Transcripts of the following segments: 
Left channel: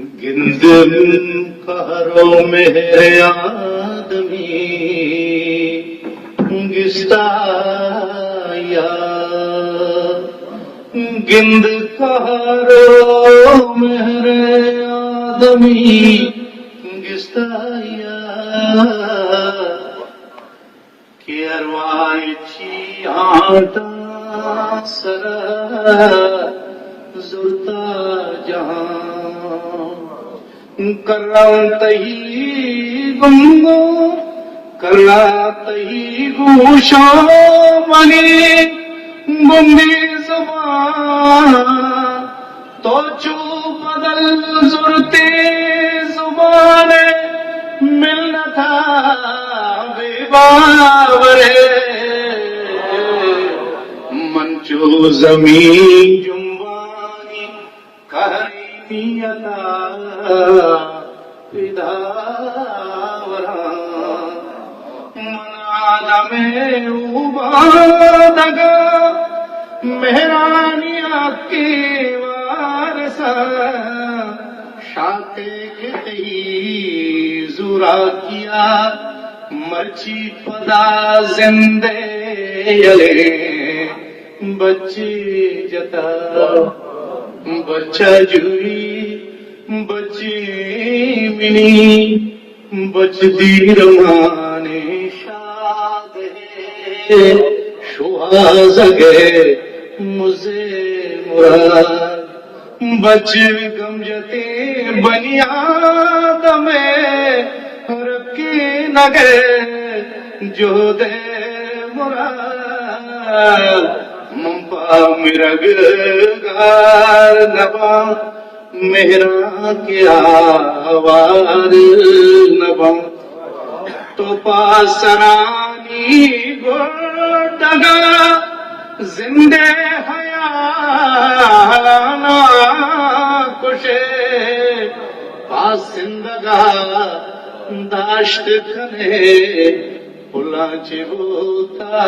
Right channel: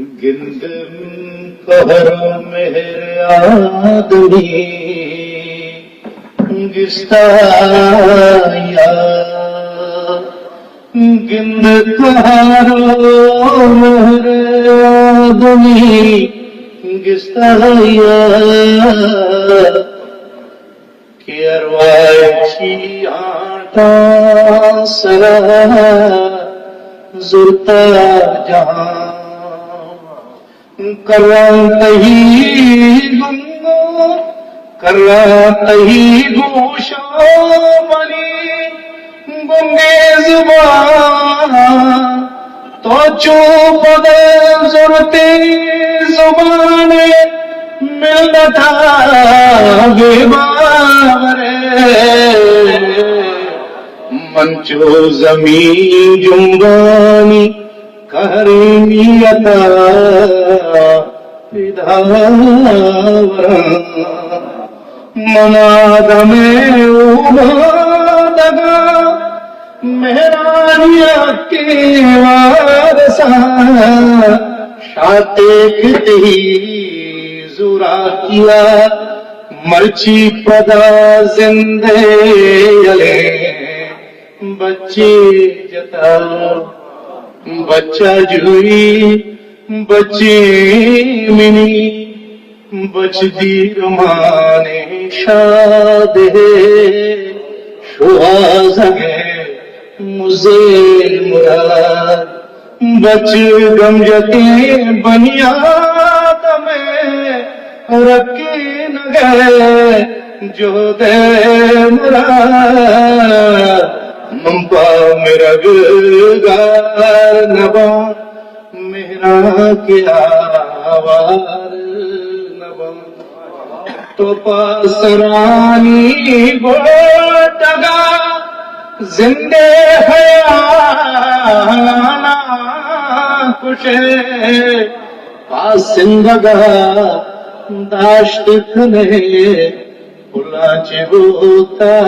गिंदम कहरो मेरे आदमी गिस्ताया गिंद कहरो मेरे आदमी गिस्ताया कि अरवाची आता सरा जुरता जहां कर्रा तही गुंगो कर्रा तही गूशा बनी गुंगे जुबान तो चुप गए जुरते जुबान मिल था बेबावरे मंचो जमीन जुम्बानी करीमियता विधावरा मनादमे उबादगा मेहरानिया के वारसा शाते खती जुरा किया मर्ची पदा जिंदे यले बच्चे जता बच्चा जुई बच्चे मिनी बचदी रमाने शादे शुआज़गे मुझे मुराद बच गमजती बनियाद में रखी नगे जो दे मुराद मंपा मिरग गार नबा मेहरा के आवार नबा तो पासरानी गोटगा जिंदे हयाना खुशे पासिंदगा दाश्त खले फुलाचे गोतायानिया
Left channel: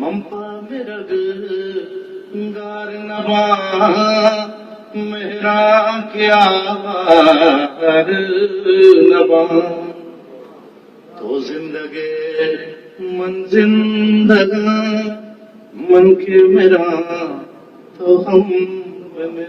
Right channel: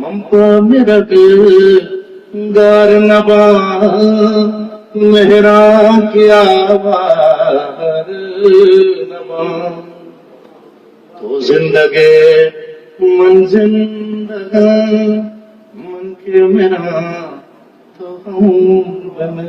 मंपो मिरग गार नबा मेहरा क्या वार नबा तो जिंदगे मन जिंदगा मन के मेरा तो हम बने